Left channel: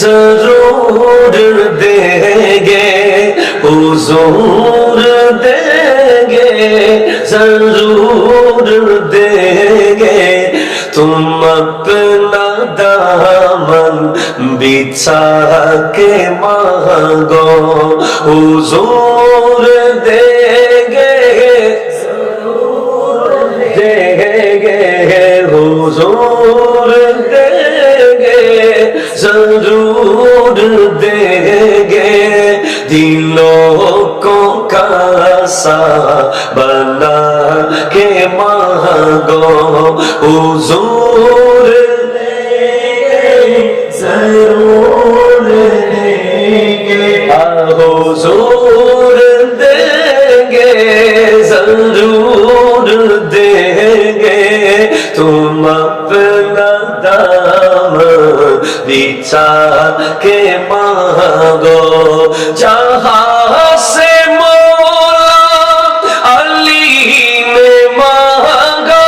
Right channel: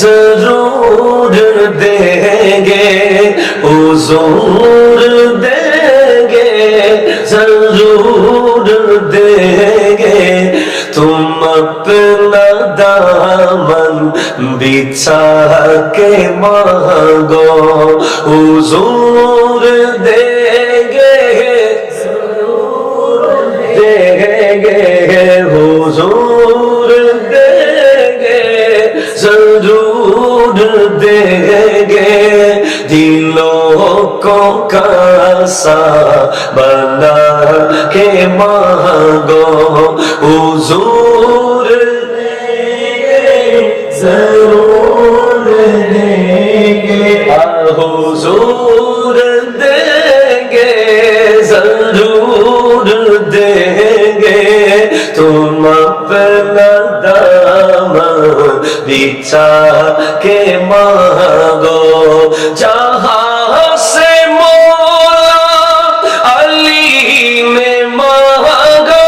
जरूर देंगे हुजूर देंगे जरूर देंगे तुम अपना दामन बिछा के मांगो हुजूर देंगे देंगे हुजूर देंगे जरूर देंगे दिलों को कैसा बना के मांगो हुजूर देंगे जरूर देंगे हुजूर देंगे जरूर देंगे तुम अपना दामन बिछा के मांगो जहां से मौला अली ने मांगा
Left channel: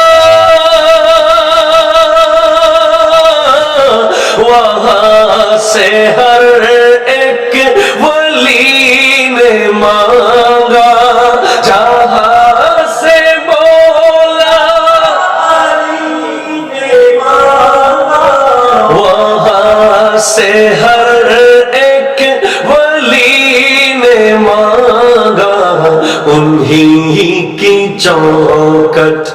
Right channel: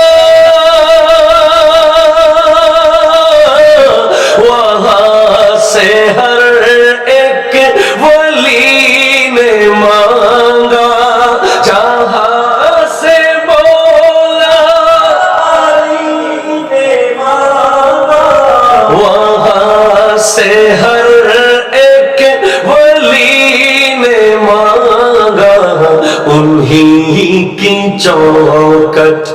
वहां से हर एक वली ने मांगा जहां से मौला अली ने मांगा वहां से हर एक वली ने मांगा उन्हीं की चौखट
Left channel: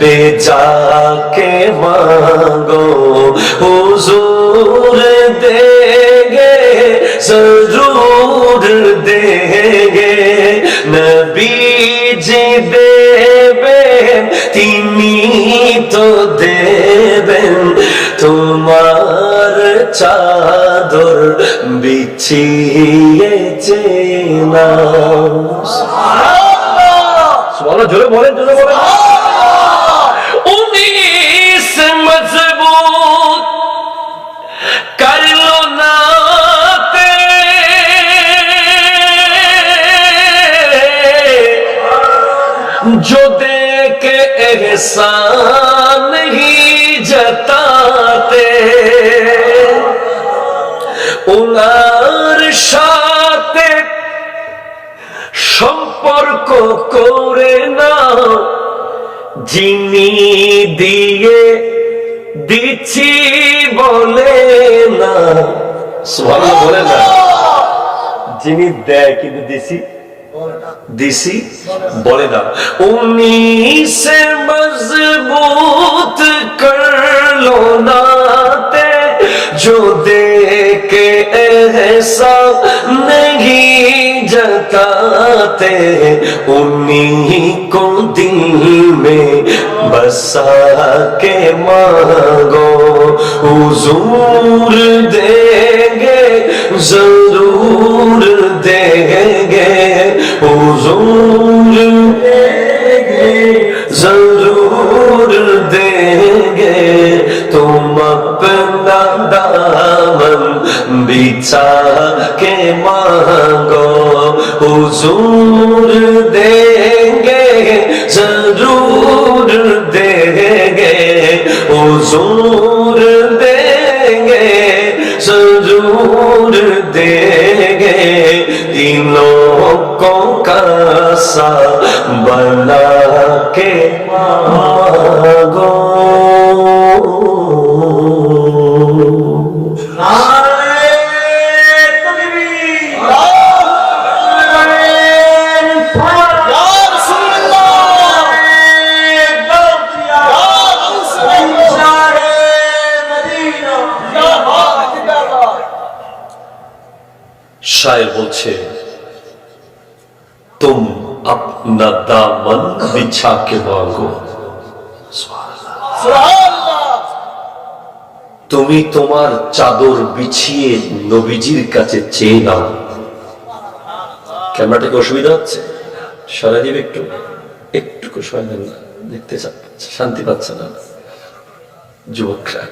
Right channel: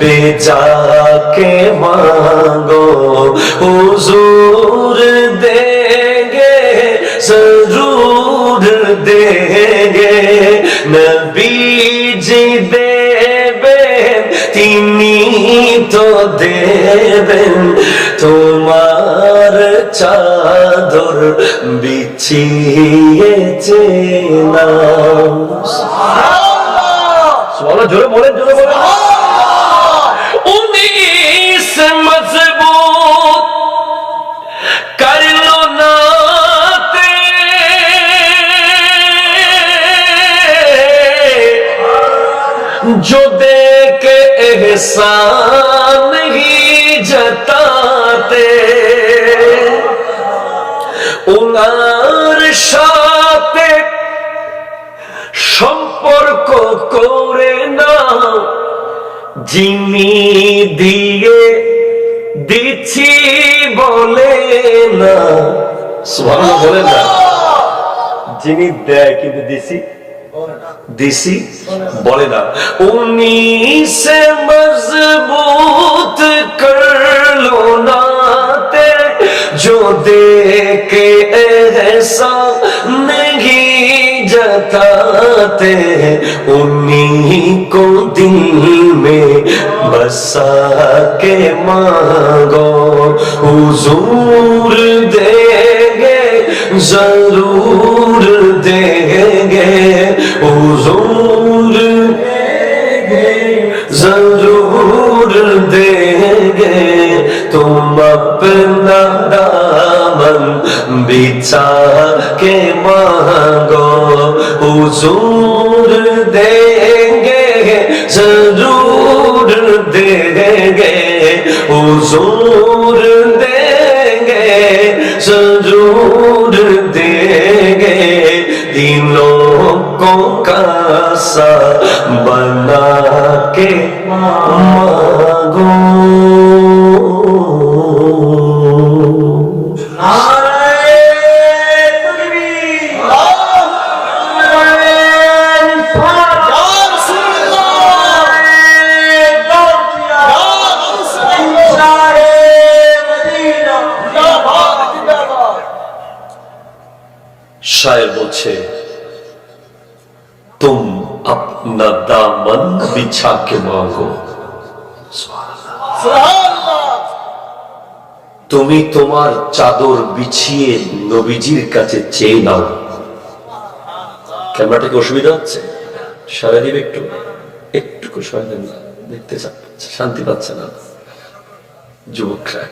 पे जाके मांगो हुजूर देंगे जरूर देंगे नबी जी देवें तिनी तो देवें তোমার চাদর বিছিয়েছে না সুবহানাল্লাহ জোরে বলেন উনিশ মজবুত করলো না जो दे के एहसान नहीं जताते उनार साथे সম্পর্ক করে না যিনি দিয়ে দিচ্ছি বলে না সুবহানাল্লাহ বলেন না যিনি দেয় কিন্তু দিছি বলে না উনি সে মজবুত করলো নাতে जो दे के एहसान नहीं जताते उन्हीं को दिल में बसा के मांगो हुजूर देंगे जरूर देंगे हुजूर देंगे जरूर देंगे तुम अपना दामन बिछा के मांगो हुजूर देंगे जरूर देंगे हुजूर देंगे जरूर देंगे दिलों को कैसा बना के मांगो शायर बोलছে तुम अपना दामन बिछा के मांगो তুমি তোমার চাদর বিছিয়ে নবীজির কাছে চেয়ে নাও ক্যামেরাটা কি অসুবিধা হচ্ছে সরাই দিবে একটু সরাই দেন না দেখতে শান্তি পাচ্ছে না যুবকরা